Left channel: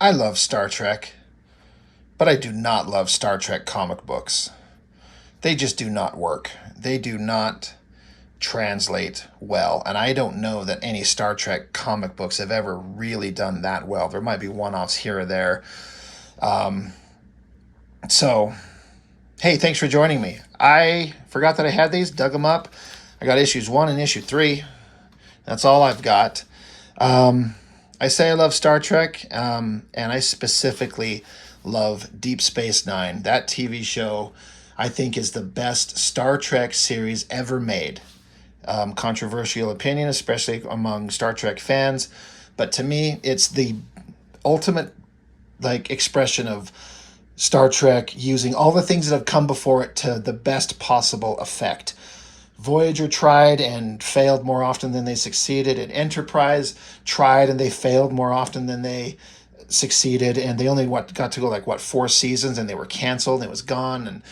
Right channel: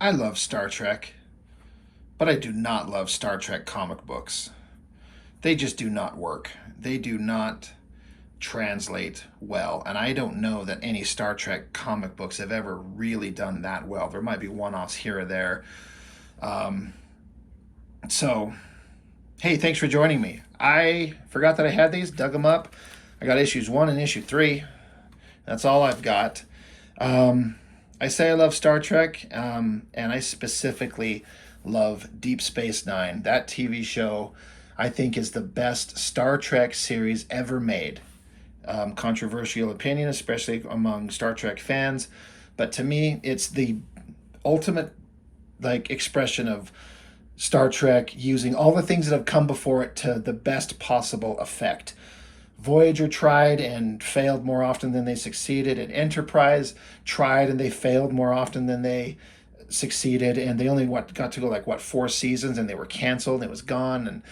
I love Star Trek, but I do not love Star Trek comic books. They just do not work. They do not translate well, and I don't know that any Star Trek comic books have ever really done that well. There might be one-offs here or there. Um, so, hey, thanks for joining me. I forgot that I had these, dug them up. I got issues 1 and issue 3. That's all I've got. Um, I say I love Star Trek, and I specifically love Deep Space Nine. That TV show, I think, is the best Star Trek series ever made. Controversial opinion, especially among Star Trek fans, but to me, it's the ultimate expression of Star Trek using all the things that have come before it to the best possible effect. Voyager tried and failed more often than they succeeded, and Enterprise tried and they failed more often than they succeeded, and they only got to go 4 seasons, and they were canceled and it was gone. And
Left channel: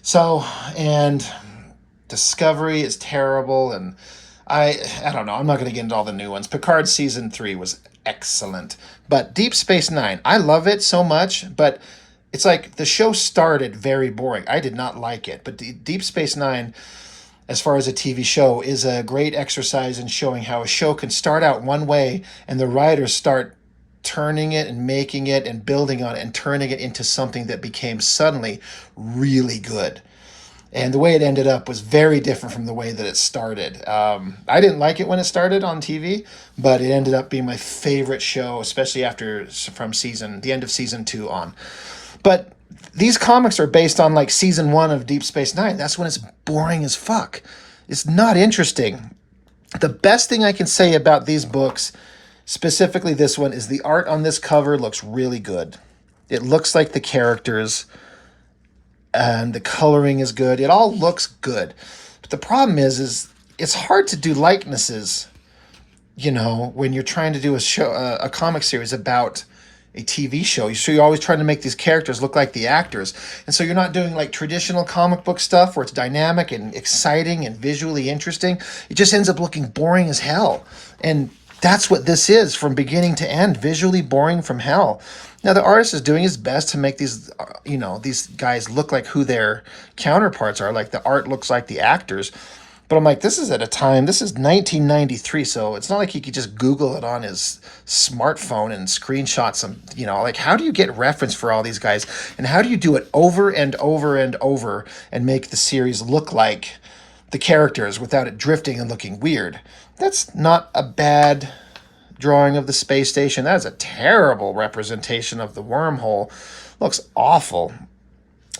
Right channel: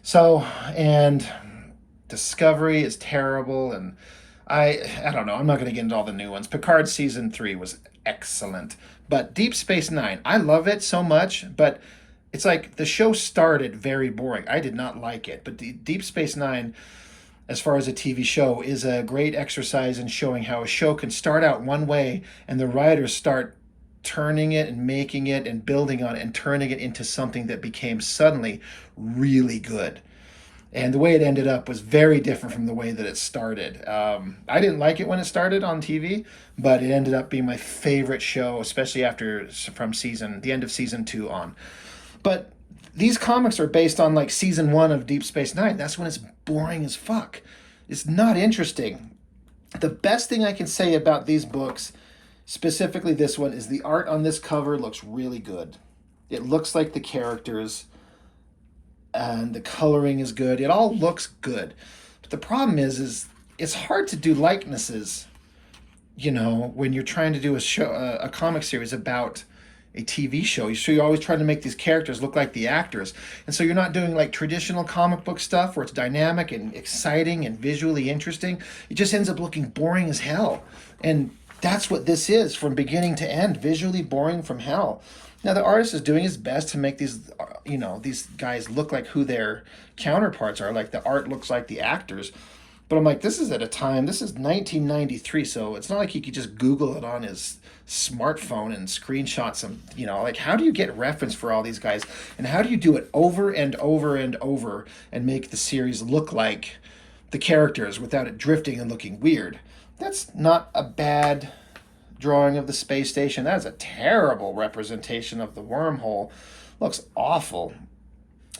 so, and Discovery is terrible, and I don't know, I'm not going to get into all the new ones. Picard season 3 was excellent, but Deep Space Nine, I love it so much, but it's like the show started very boring. I did not like it, but Deep Space Nine, as far as a TV show, is a great exercise in showing how a show can start out one way and the writers start turning it and making it and building on it and turning it into something that became suddenly really good. And the way it ended up was very different from the way that it started. I didn't like it when it started on TV, but it ended up being my favorite show, especially after from the end of season 2 on. But these comics are based on season 1 of Deep Space Nine. That's when it's boring as fuck. It's not interesting. The best thing I can say about these books, specifically this one, is the art on this cover looks really good. It looks like the characters, and the coloring is good. It all looks good. But the problem is it's hard to do likenesses, when you're trying to do a comic series about a TV show. So you're always trying to make these characters look like the actors. And so you're not doing traditional comic book stuff where it's dynamic and exciting and visually interesting. It just ends up looking boring as hell. And that's what this is from beginning to end, visually boring from hell. Now, the artist is doing his best to make these, these guys look like who their counterparts are. Like, the art looks like the actors. But I'm like, this is 1993, so it's not like he could just Google it on his smartphone and screenshot some, how do you get reference for all these guys? And how do you do it over and over and over and make the series look like the characters without it drifting and looking weird? That's not a bad drawing of the space station. That is a terrible representation of the wormhole. Looks awful.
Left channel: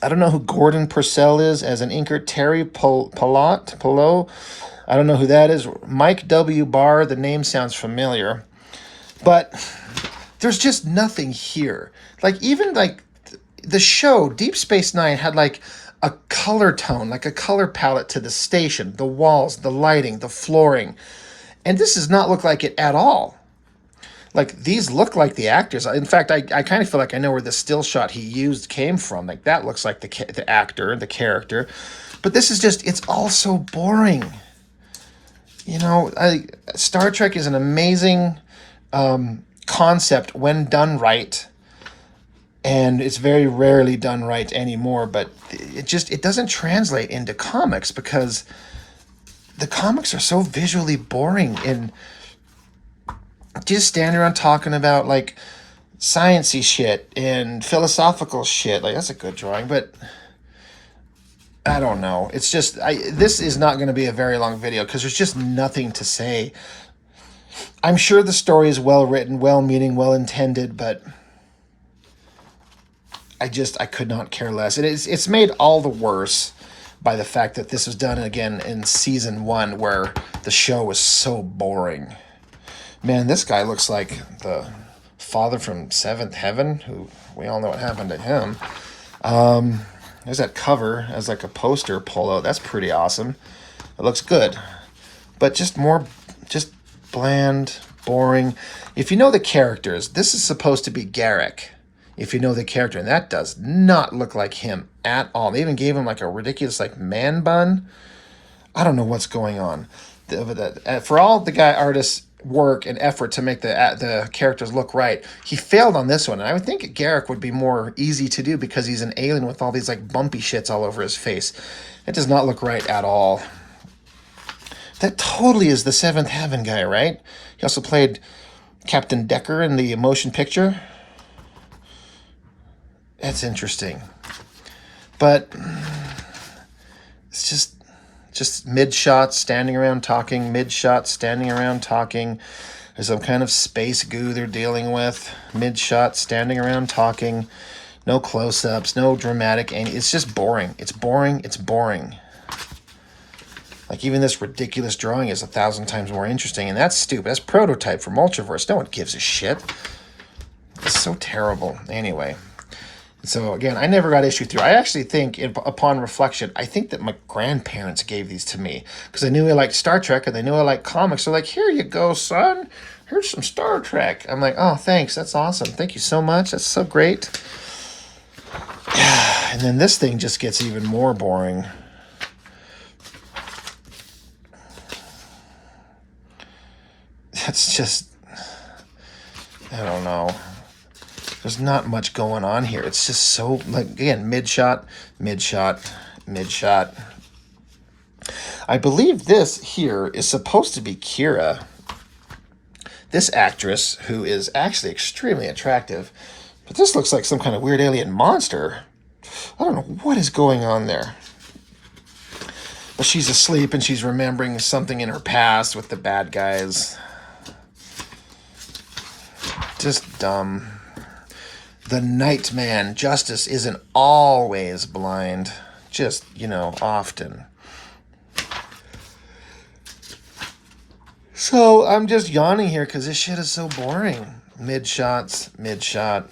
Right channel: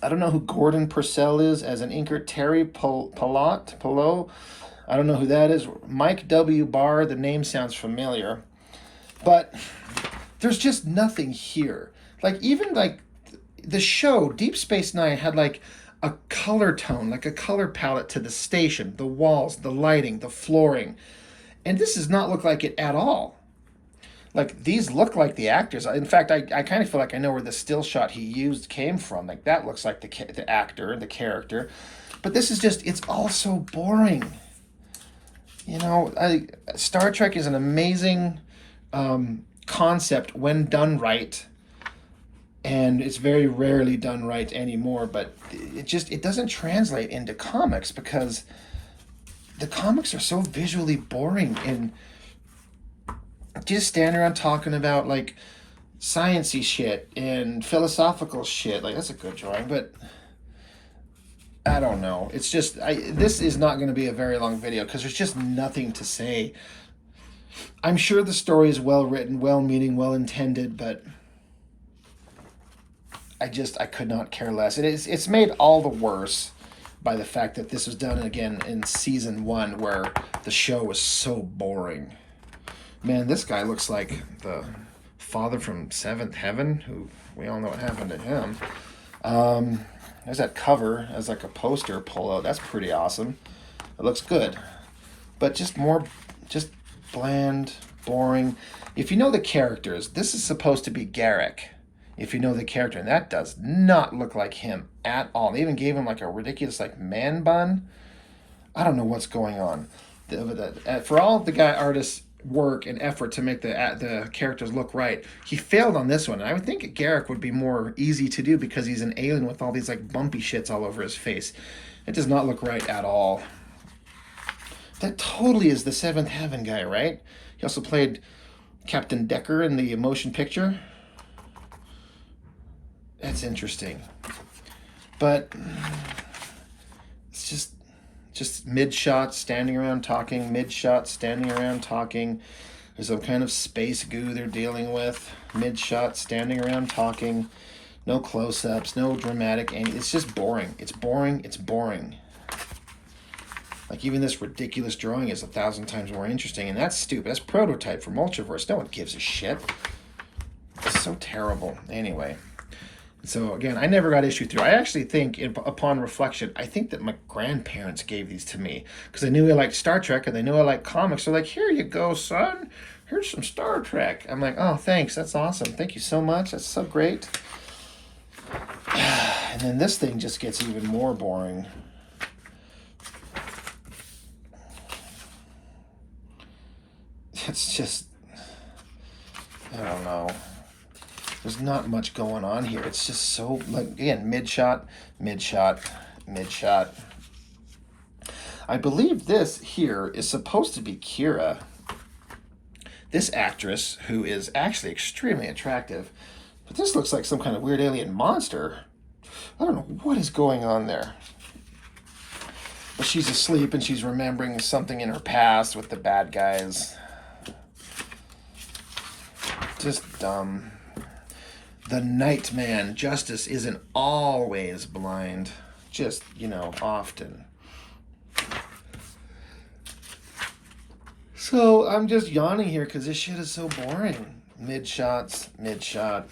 I don't know who Gordon Purcell is as an inker. Terry Pilot. I don't know who that is. Mike W. Barr. The name sounds familiar. But there's just nothing here. Even the show, Deep Space Nine, had a color tone, a color palette to the station, the walls, the lighting, the flooring. And this does not look like it at all. These look like the actors. In fact, I kind of feel like I know where the still shot he used came from. That looks like the actor, the character. But this is just, it's all so boring. Star Trek is an amazing concept when done right. And it's very rarely done right anymore. But it doesn't translate into comics because the comics are so visually boring, and just standing around talking about sciencey shit and philosophical shit. That's a good drawing, but I don't know. It's just, this is not going to be a very long video because there's just nothing to say. I'm sure the story is well written, well meaning, well intended, but I could not care less. It's made all the worse by the fact that this was done again in season 1, where the show was so boring. Man, this guy looks like the father from Seventh Heaven, who we all know what happened to him. There's that cover as a poster polo. That's pretty awesome. It looks good. But just bland, boring. If you know the characters, this is supposed to be Garrick. If you know the character, and that does not look like him at all. They even gave him a ridiculous man bun. I don't know what's going on. For all the artists work and effort to make the characters look right. He failed on this one. And I would think Garrick would be more easy to do because he's an alien with all these like bumpy shits all over his face. It does not look right at all. That totally is the Seventh Heaven guy, right? He also played Captain Decker in the motion picture. That's interesting. But it's just mid-shot, standing around talking, mid-shot, standing around talking. There's some kind of space goo they're dealing with. Mid-shot, standing around talking. No close-ups, no dramatic. It's just boring. It's boring. It's boring. Like, even this ridiculous drawing is 1,000 times more interesting, and that's stupid. That's prototype for Multiverse. No one gives a shit. It's so terrible. Anyway. So, again, I never got issue 3. I actually think, upon reflection, I think that my grandparents gave these to me. Because they knew I liked Star Trek, and they knew I liked comics. They're like, here you go, son. Here's some Star Trek. I'm like, oh, thanks. That's awesome. Thank you so much. That's so great. And then this thing just gets even more boring. That's just, I don't know. There's not much going on here. It's just so, like, again, mid-shot, mid-shot, mid-shot. I believe this here is supposed to be Kira. This actress, who is actually extremely attractive. But this looks like some kind of weird alien monster. I don't know what is going on there. But she's asleep and she's remembering something in her past with the bad guys. Just dumb. The Nightman. Justice isn't always blind. Just, often. So, I'm just yawning here because this shit is so boring. Mid-shots, mid-shot.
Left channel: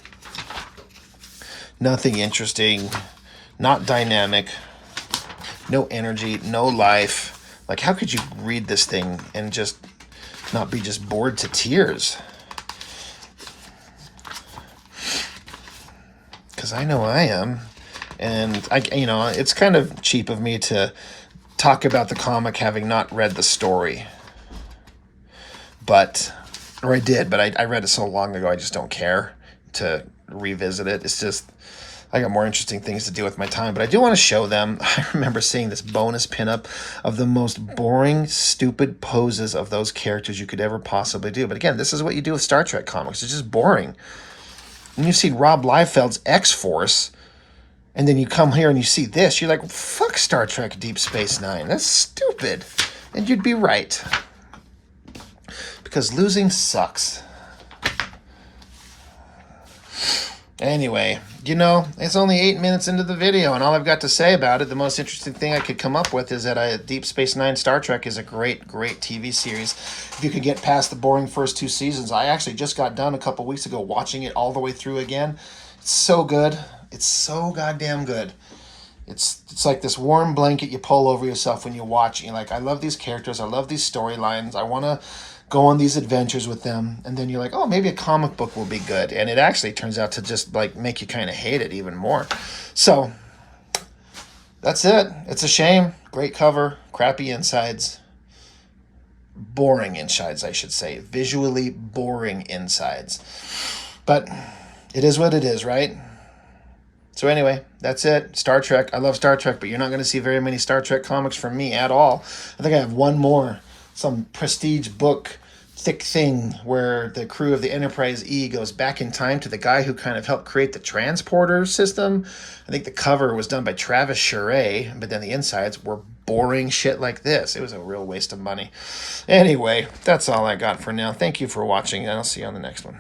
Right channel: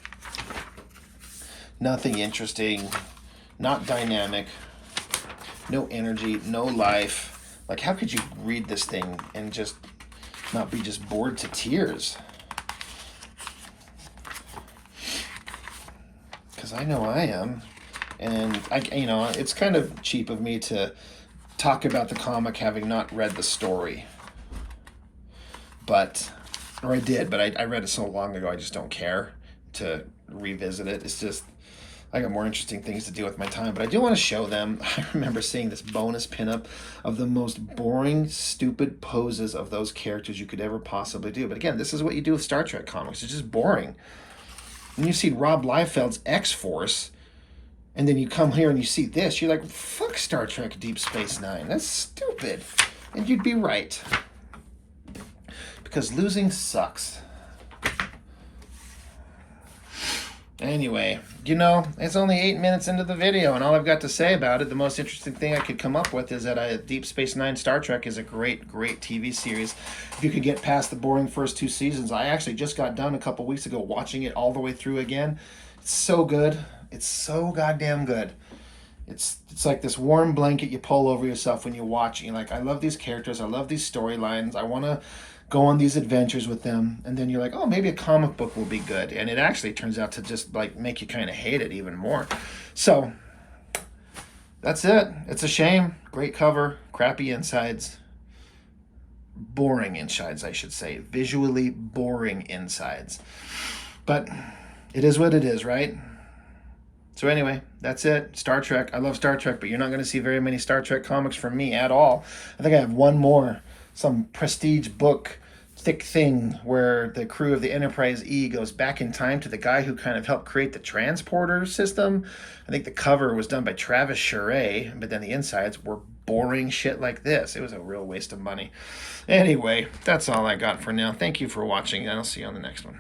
Nothing interesting. Not dynamic. No energy, no life. Like, how could you read this thing and just not be just bored to tears? Because I know I am. And, it's kind of cheap of me to talk about the comic having not read the story. Or I did, but I read it so long ago I just don't care to revisit it. It's just, I got more interesting things to do with my time. But I do want to show them. I remember seeing this bonus pinup of the most boring, stupid poses of those characters you could ever possibly do. But again, this is what you do with Star Trek comics. It's just boring. When you see Rob Liefeld's X-Force, and then you come here and you see this, you're like, fuck Star Trek Deep Space Nine. That's stupid. And you'd be right. Because losing sucks. Anyway, it's only 8 minutes into the video, and all I've got to say about it, the most interesting thing I could come up with is that Deep Space Nine Star Trek is a great, great TV series. If you could get past the boring first 2 seasons, I actually just got done a couple weeks ago watching it all the way through again. It's so good. It's so goddamn good. It's like this warm blanket you pull over yourself when you watch it. You're like, I love these characters. I love these storylines. I want to go on these adventures with them. And then you're like, oh, maybe a comic book will be good. And it actually turns out to just like make you kind of hate it even more. So that's it. It's a shame. Great cover. Crappy insides. Boring insides, I should say. Visually boring insides. But it is what it is, right? So anyway, that's it. Star Trek. I love Star Trek, but you're not going to see very many Star Trek comics from me at all. I think I have one more. Some prestige book, thick thing, where the crew of the Enterprise E goes back in time to the guy who kind of helped create the transporter system. I think the cover was done by Travis Charest, but then the insides were boring shit like this. It was a real waste of money. Anyway, that's all I got for now. Thank you for watching, and I'll see you on the next one.